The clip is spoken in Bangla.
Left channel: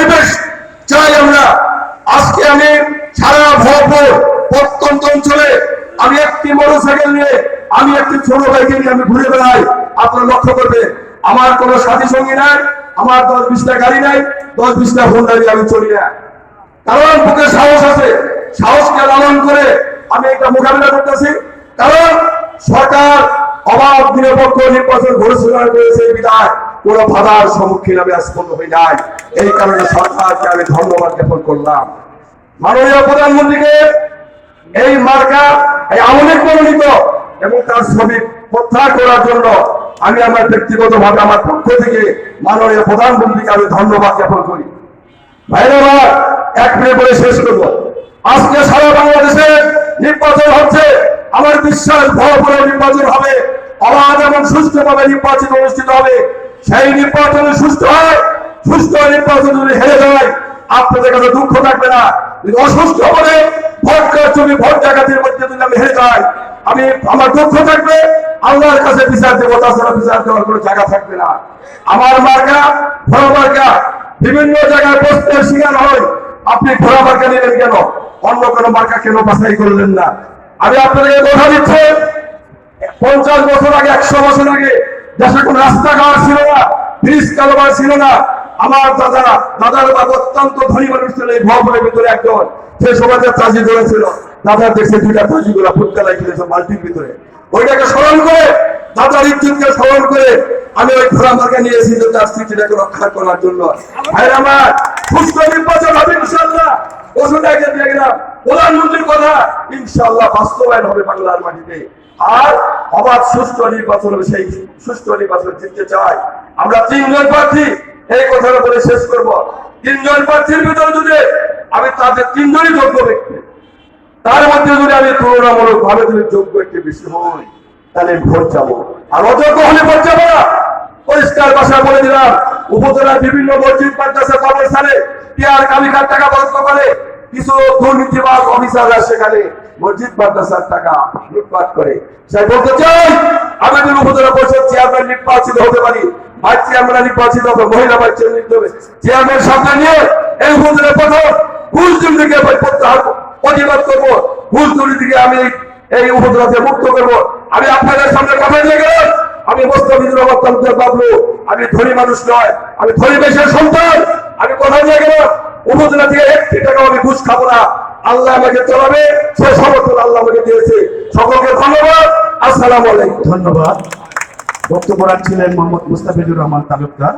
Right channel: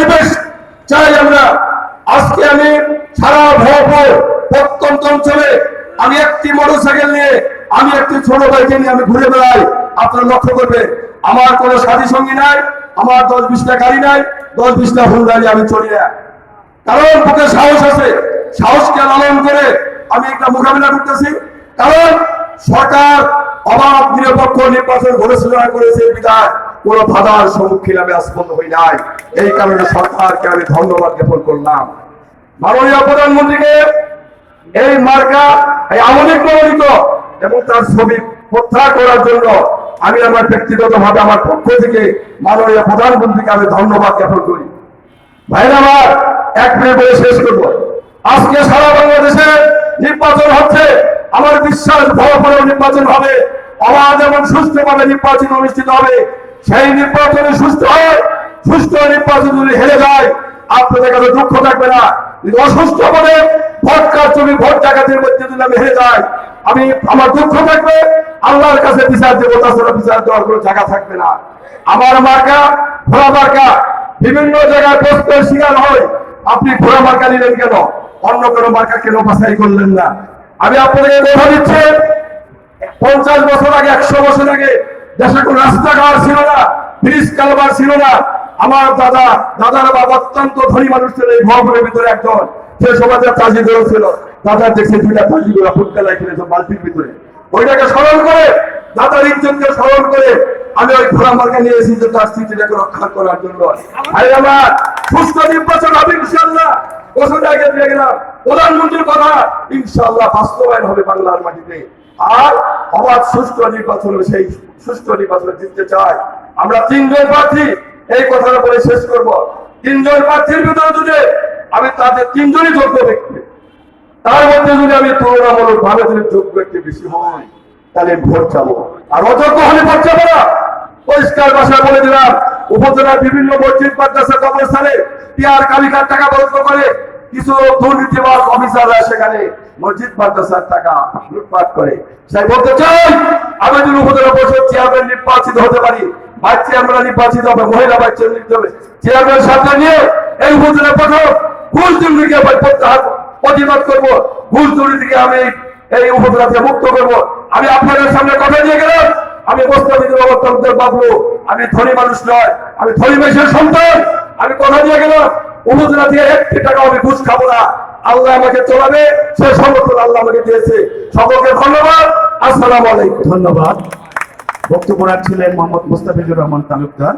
পরিবেশ চাই আমরা। আজকে আমি সারা ভরপুর প্রত্যন্ত অঞ্চলে আমি একটি মোটরসাইকেল নিয়ে, আমি একটি ছোট বাইকে নিয়ে আমি ঘুরে বেড়াই। আপনারা লক্ষ্য করবে আমার কোনো সাথী সঙ্গী নাই, আমার দশ বিশটা গাড়ি নাই, দশ বিশটা হোন্ডা নিয়ে আমি চলি না। কারণ বুকে সাহস আছে, সাহসকে লালন করে আমি একটা মোকাবিলা করতেছি। কারণ সরকার অবাধ, নিরপেক্ষ নির্বাচন ঘোষণা করেছে বিধায়। কোন বাধার সম্মুখীন আমি আজ পর্যন্ত হই নাই। এই কারণে সরকারকে আমি ধন্যবাদ জ্ঞাপন করলাম। মাননীয় প্রধানমন্ত্রীকে এই মার্কা, এই আমলিক মনোনীত এবং তার ছবি প্রত্যাহার করার জন্য আমি আমার ব্যক্তিগত ভাবে আমার পক্ষ থেকে মাননীয় প্রধানমন্ত্রীকে আমি ধন্যবাদ জ্ঞাপন করি। ভাইরা আমার, এক মিনিট বলে শেষ করব। আজকে সারা বাংলাদেশে নির্বাচন হচ্ছে। আমার বিশ্বাস বড় নির্বাচন হবে। অবাধ এবং সুস্থভাবে নির্বাচন অনুষ্ঠিত হবে। সেই নির্বাচনে সুস্থ হয়, সুস্থ নির্বাচন যদি হেরে যায়, আপনাদের কাছে দুঃখ থাকবে না। কিন্তু অসুস্থ বলে ভোট কারচুপি ভোট ডাকাতির মধ্যে যদি আমি হেরে যাই, আমি, আমার দুঃখ থাকবে, আল্লাহর কাছে বিচার দেবো, তাছাড়া বিচার দেওয়ার কোনো জায়গা থাকবে না। আমার মার্কা, ঘোড়া মার্কা, বিভিন্ন জায়গায় প্রশ্নের শিকার হয়, আপনি ঘোড়া মার্কা নিলেন কেন? অন্য কোনো মার্কা কেন বাছাই করলেন না? আমি আপনাদেরকে কথা দিচ্ছি, পঞ্চাশ বছর আগে, একশো বছর আগে দেশে কোনো রাস্তাঘাট ছিল না ব্রিজ কালবার ছিল না। আমার দাদা, দাদার বাবা অত্যন্ত ধনী মানুষ ছিল, এই ভবনের ভিতরে একজন। সে সময় চাষি করেছিল দাদা দেখছে দুইটা চাষি গুলা ফুটকালাই খেলেছে বালতির ভিতরে। ওইটাকে স্মরণ করে, দাদার ইজ্জতকে স্মরণ করে আমি ওই ঘোড়া মার্কে নিয়ে এসেছি তার স্মৃতিটাকে রক্ষা করার জন্য। আমার, সুস্থ নির্বাচন হবে আগে দেখলাম, প্রধানমন্ত্রীর কথা ইনশাল্লাহ বাস্তবায়ন হবে বাংলার মাটিতে। আর অবাধ সুস্থ নির্বাচন হবে, সেই সুস্থ নির্বাচন জিততে চাই। আমরা তিনজন প্রার্থী, এই কথাটা বলে শেষ করব। তিনজন প্রার্থীর ভিতরে যদি আমি তাদের তিনজনই যোগ্য ব্যক্তি, তার মধ্যে যদি আমি তুলনামূলক ভাবে যদি যোগ্য একটি বেশি হই, তাহলে ভোট যাব আর অযোগ্য হলে ভোট যাব না। পরিষ্কার ভাষায় বলে দিলাম উপজেলার বিভিন্ন মসজিদ, মাদ্রাসা, কবরস্থানে টিয়ার কালিকার টাকা বরাদ্দ করে কিছু দুর্নীতিবাজ অফিসাররা সেখানে মসজিদ, মাদ্রাসার টাকা লুটপাট করে। সে বলতে চাই আমি যদি উপজেলা পরিষদ চেয়ারম্যান নির্বাচিত হতে পারি। ভাইস চেয়ারম্যান নির্বাচিত হবে, মহিলা ভাইস চেয়ারম্যান হবে। চেয়ারম্যান সাথে নিয়ে এই উপজেলা প্রথম ঘুষ দুর্নীতিকে প্রত্যাহার প্রতিবাদ করব, ঘুষ দুর্নীতিকে আমি এই উপজেলা থেকে মুক্ত করব। আমি আপনাদের সামনে কথা দিয়ে গেলাম। আমি বাবলু আমি ধনী মানুষ নয়, আমি ধনী মানুষের সন্তান। আমি কথা দিয়ে গেলাম উপজেলা দিয়ে একটি টাকা আমি ঘুষ খাব না। আল্লাহ আমাকে চলাবে সে সমর্থন আল্লাহ আমাকে দিয়েছে। সকলকে ধন্যবাদ, আসসালাম আলাইকুম। ধন্যবাদ। বক্তব্য রাখছিলেন মোহাম্মদ মুস্তাফিজুর রহমান তালুকদার।